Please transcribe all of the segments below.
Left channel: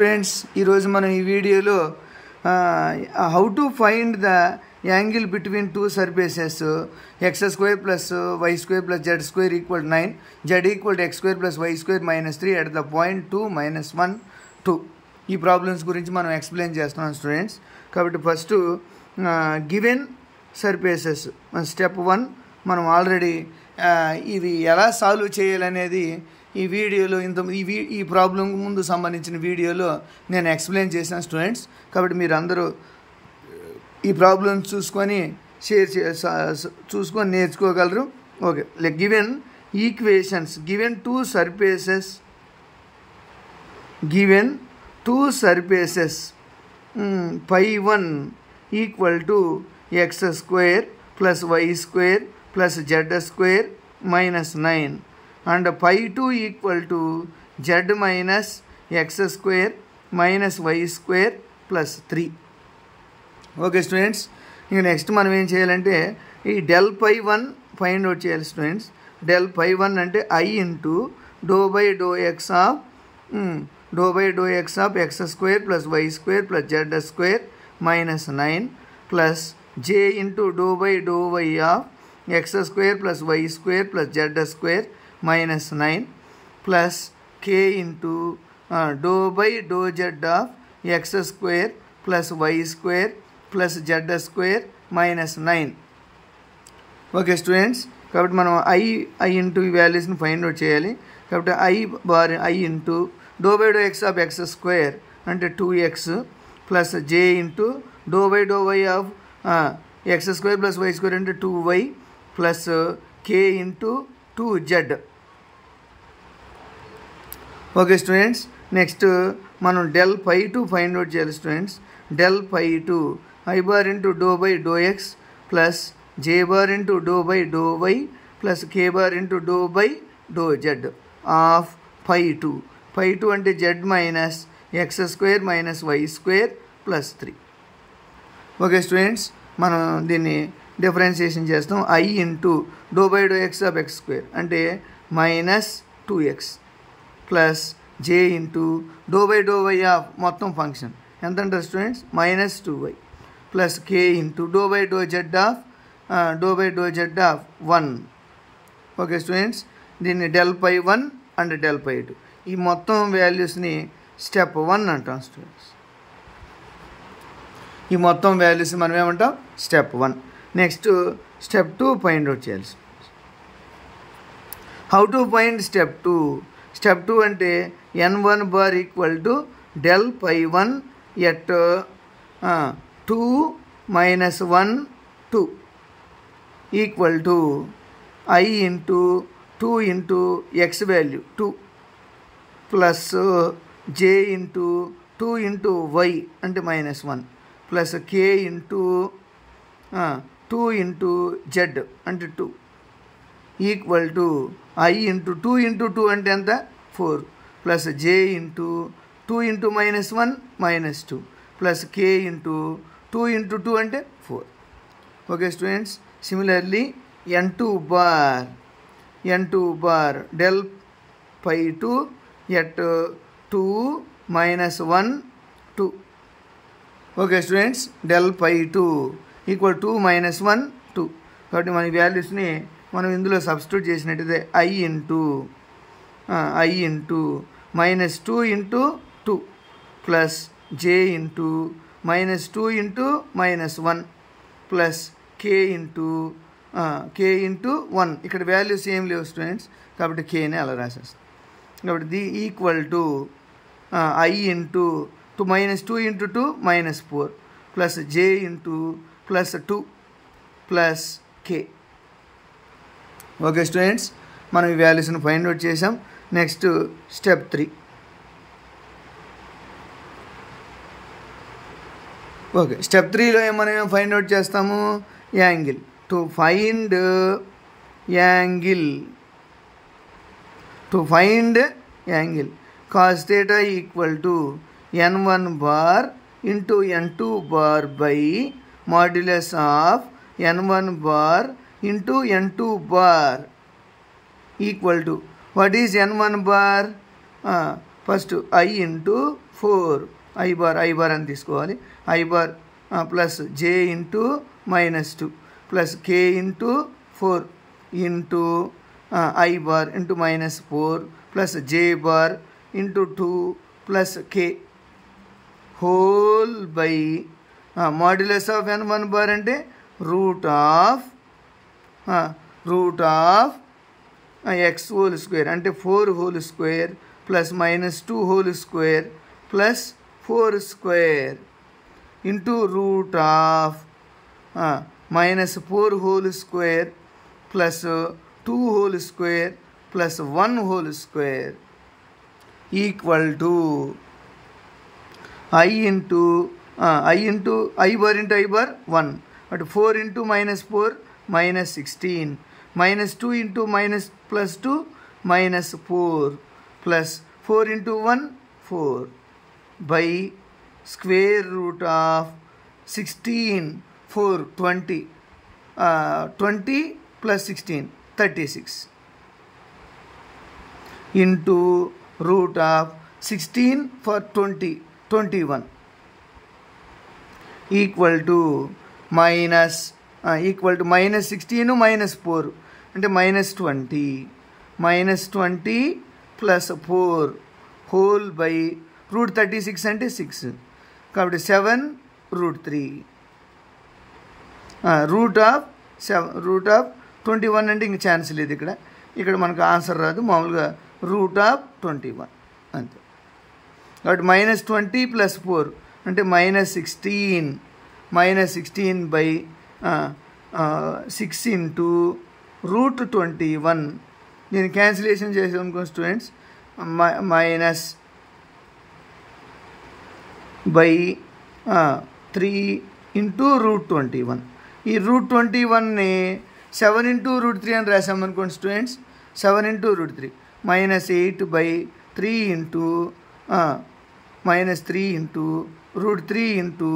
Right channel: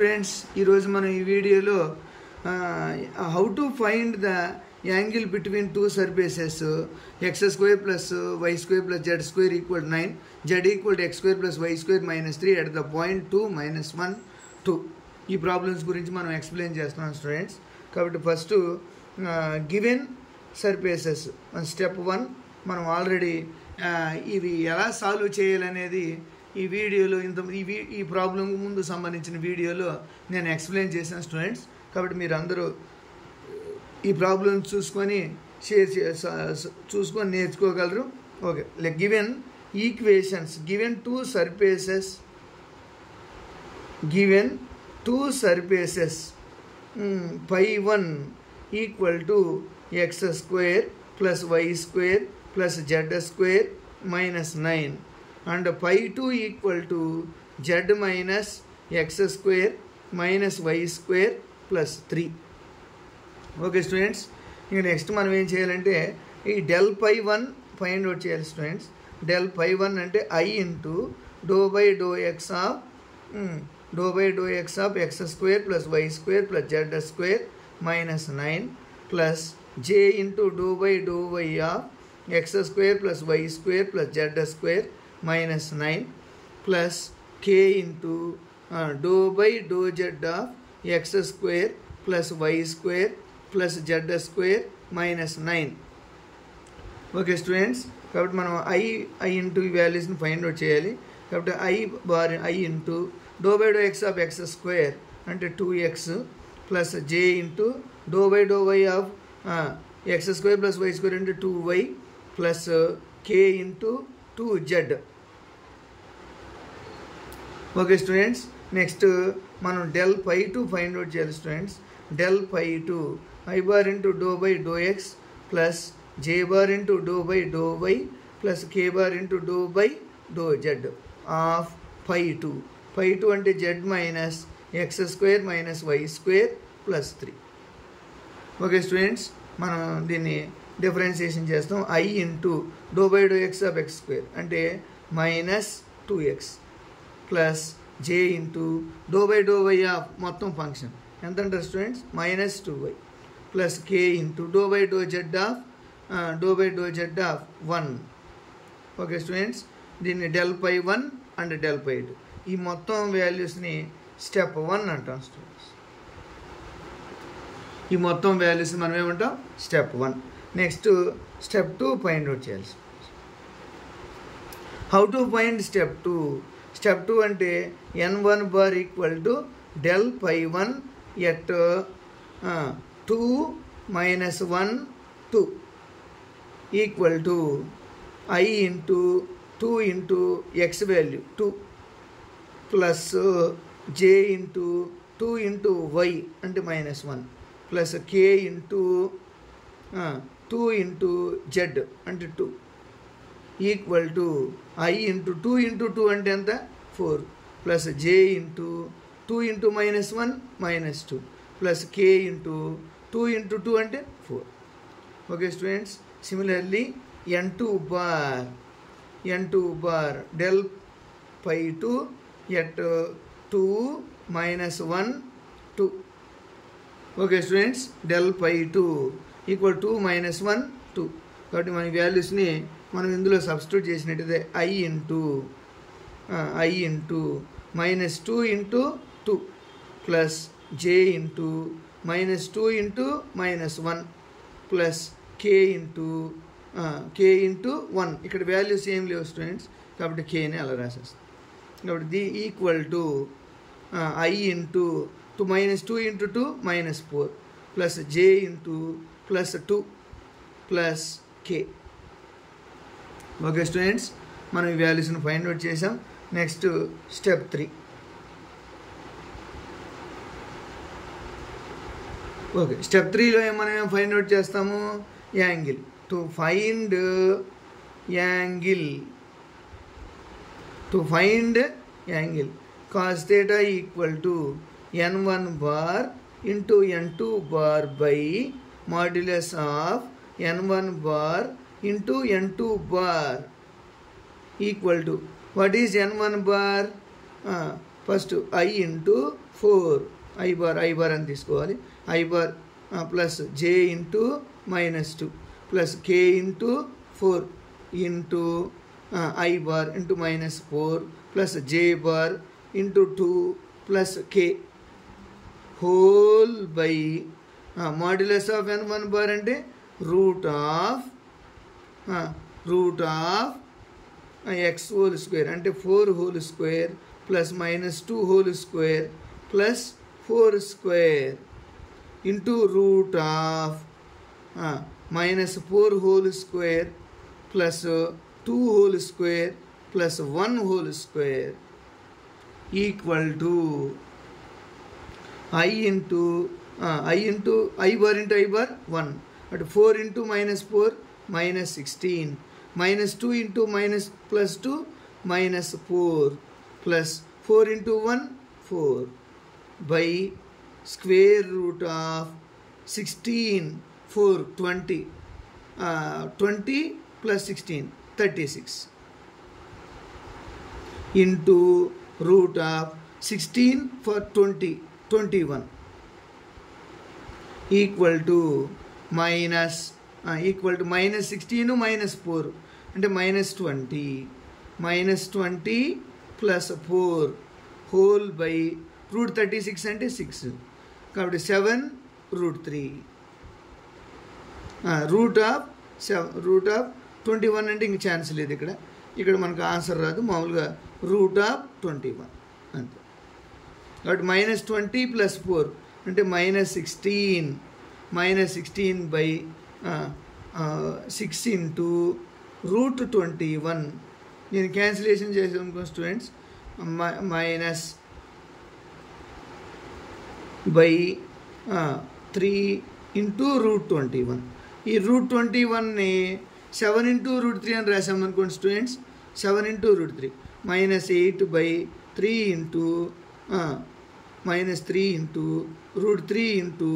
Friends ఈరోజు మనం ఈ వీడియోలో how to find the angle between two surfaces x square plus y square plus z square equal 9 z equal x square plus y square -3 at the point 2 -1 2 ఈ problems గురించి మనం explain చేస్తున్నాం students. కాబట్టి first given surfaces step 1 మనం already ఇది ఎలా solve చేయాలనేది ఈ వీడియోలో ఈ ప్రాబ్లం ముందు సంబంధించిన వీడియోలో నేను ఎక్స్ప్లెయిన్ చేశాను స్టూడెంట్స్. కాబట్టి మీరు అందరూ ఈ ప్రాబ్లమ్స్ చూసుకొని నేర్చుకోగలరు. Okay, given equations given two surfaces π1 equal to x square plus y square plus z square -9 and π2 equal to z minus x square minus y square plus 3. Okay students, ఇంక next మనం ఏం చేయాలంటే ఈ del π1 find out చేయాలి students. Del π1 అంటే i into do by do x of x square plus y square plus z square -9 plus j into do by do y of x square plus y square plus z square -9 plus k into dou by dou z of x square plus y square plus z square -9. Okay students, కాబట్టి మనం i into ఈ వాల్యూస్ని find out చేయాలి. కాబట్టి i into do by do x of x square అంటే 2x plus j into do by do y of x square plus y square అంటే 2y plus k into 2z. Okay students, next మనం del π2 find out చేయాలి students. Del π2 i bar into do by do x plus j bar into do by do y plus k bar into do by do z of π2 అంటే z minus x square minus y square plus 3. Okay students, మనం దీన్ని differentiation చేస్తాం. i into do by do x of x square అంటే -2x plus j into do by do y of మొత్తం function ఎంత అంటే students -2y plus k into do by do z of 1. Okay students, దీన్ని del π1 and del π2 ఈ మొత్తం వాల్యూస్ని step 1 అంటాం students. ఈ మొత్తం వాల్యూస్ మనం ఏమంటాం step 1. Next step 2 find out చేయాలి. How to find step 2? Step 2 అంటే n1 బార్ equal to del π1 at 2 - 1 2 equal to i into 2 into x value 2 plus j into 2 into y అంటే -1 plus k into 2 into z అంటే 2 equal to i into 2 into 2 అంటే ఎంత 4 plus j into 2 into -1 -2 plus k into 2 into 2 అంటే 4. Okay students, similarly n2 bar del π2 at 2 - 1 2. Okay students, del π2 equal 2 - 1 2. కాబట్టి మన వాల్యూస్ని మనం ఇందులో సబ్స్టిట్యూట్ చేసినట్టయితే i into -2 into 2 plus j into -2 into -1 plus k into 1. ఇక్కడ వాల్యూస్ ఏం లేవు స్టూడెంట్స్, కాబట్టి kని అలా రాసేస్తాం. కాబట్టి equal to i into -2 into 2 -4 plus j into +2 plus k. Okay students, మనం ఈ వాల్యూస్ని ఫైండ్ అవుట్ చేసాం. Next step 3. ఓకే, స్టెప్ 3లో మనం ఏం ఫైండ్ అవుట్ చేస్తాము? Angle. To find cos θ equal to n1 bar into n2 bar by modulus of n1 bar into n2 bar equal to what is n1 bar? First I into 4 I bar అని తీసుకోవాలి. I bar plus j into -2 plus k into 4 into I bar into -4 plus j bar into 2 plus k whole by modulus of n1 bar అంటే root of x whole square అంటే 4 whole square plus -2 whole square plus 4 square into root of -4 whole square plus 2 whole square plus 1 whole square equal to I bar 1 but 4 into -4 -16 -2 into +2 -4 plus 4 into 1 4 by square root of 16 4 20 20 plus 16 36 into root of 16 for 20 21 equal to -16 -4 అంటే -20 plus 4 whole by root 36 అంటే 6 కాబట్టి 7 root 3 root of 21 అంటే ఇంక chance లేదు ఇక్కడ మనకు answer రాదు మామూలుగా root of 21 అంతే కాబట్టి -20 plus 4 అంటే -16 by 6 into root 21 దీన్ని క్యాన్సిలేషన్ చేసాం అనుకో students minus by 3 into root 21 ఈ root 21ని 7 into root 3 అని రాసామనుకోండి students 7 into root 3 -8 by 3 into -3 into root 3 into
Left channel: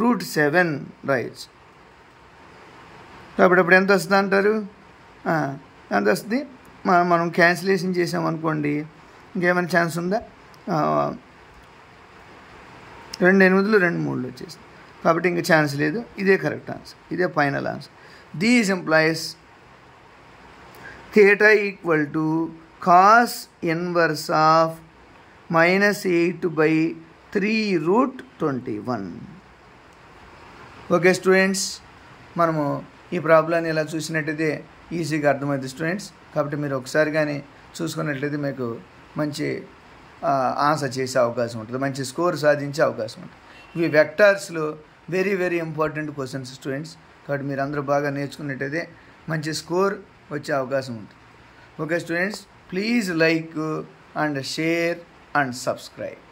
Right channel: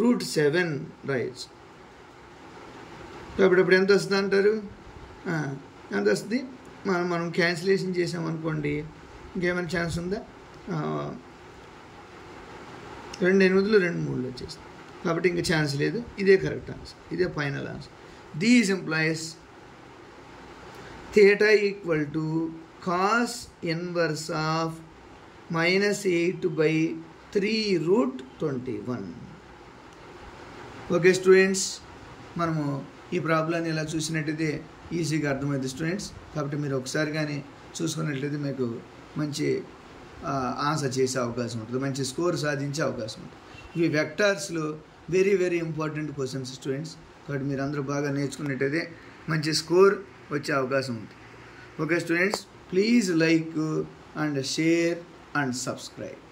root 7 rights కాబట్టి అప్పుడు ఎంత వస్తుంది అంటారు ఎంత వస్తుంది మనం క్యాన్సిలేషన్ చేసామనుకోండి ఇంకేమైనా ఛాన్స్ ఉందా 2 8 2 3 వచ్చేసి కాబట్టి ఇంక ఛాన్స్ లేదు ఇదే కరెక్ట్ ఆన్సర్ ఇదే final answer these employees theta equal to cos inverse of -8 by 3 root 21 okay students మనము ఈ ప్రాబ్లాన్ని ఇలా చూసినట్టయితే ఈజీగా అర్థమవుతుంది స్టూడెంట్స్ కాబట్టి మీరు ఒకసారి కానీ చూసుకున్నట్లయితే మీకు మంచి ఆన్సర్ చేసే అవకాశం ఉంటుంది మంచి స్కోర్ సాధించే అవకాశం ఉంటుంది ఇవి వెక్టార్స్లో very very important questions students కాబట్టి మీరు అందరూ బాగా నేర్చుకున్నట్టయితే మంచి స్కోర్ వచ్చే అవకాశం ఉంటుంది okay students please like and share and subscribe.